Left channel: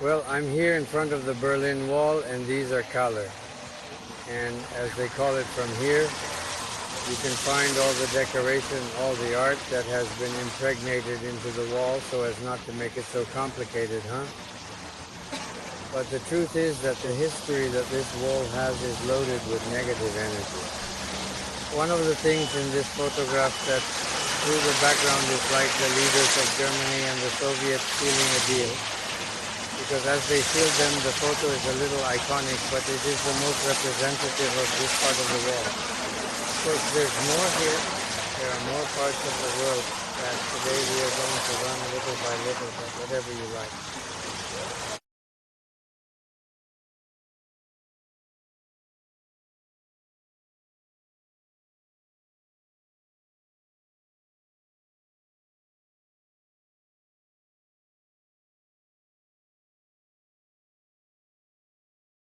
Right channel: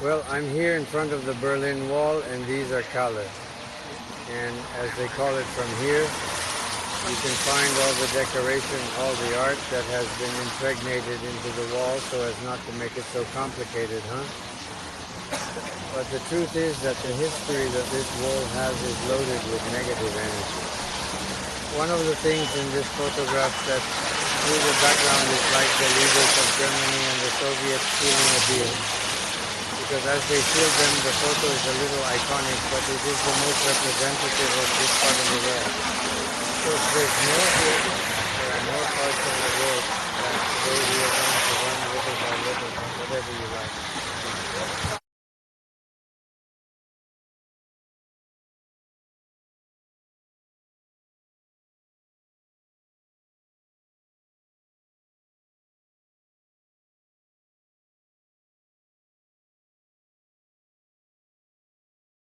Well, I'm here in front of the Berlin Wall, and these are color. And as they call it from here, you can find all the decoration, all the art that has been impregnated into the wall so as not to make it so complicated, huh? But the truth is that the history that this wall has is loaded with negative energy. One of the things in this photograph that through the background is like the leaders of Germany and the Soviets sealing a deal. Because as they sealed them, the photo is a little iconic, but it is the most representative of this part of the wall. Of course, there's more here. There are more parts of the world that today we are going to run little by little, but whatever you like.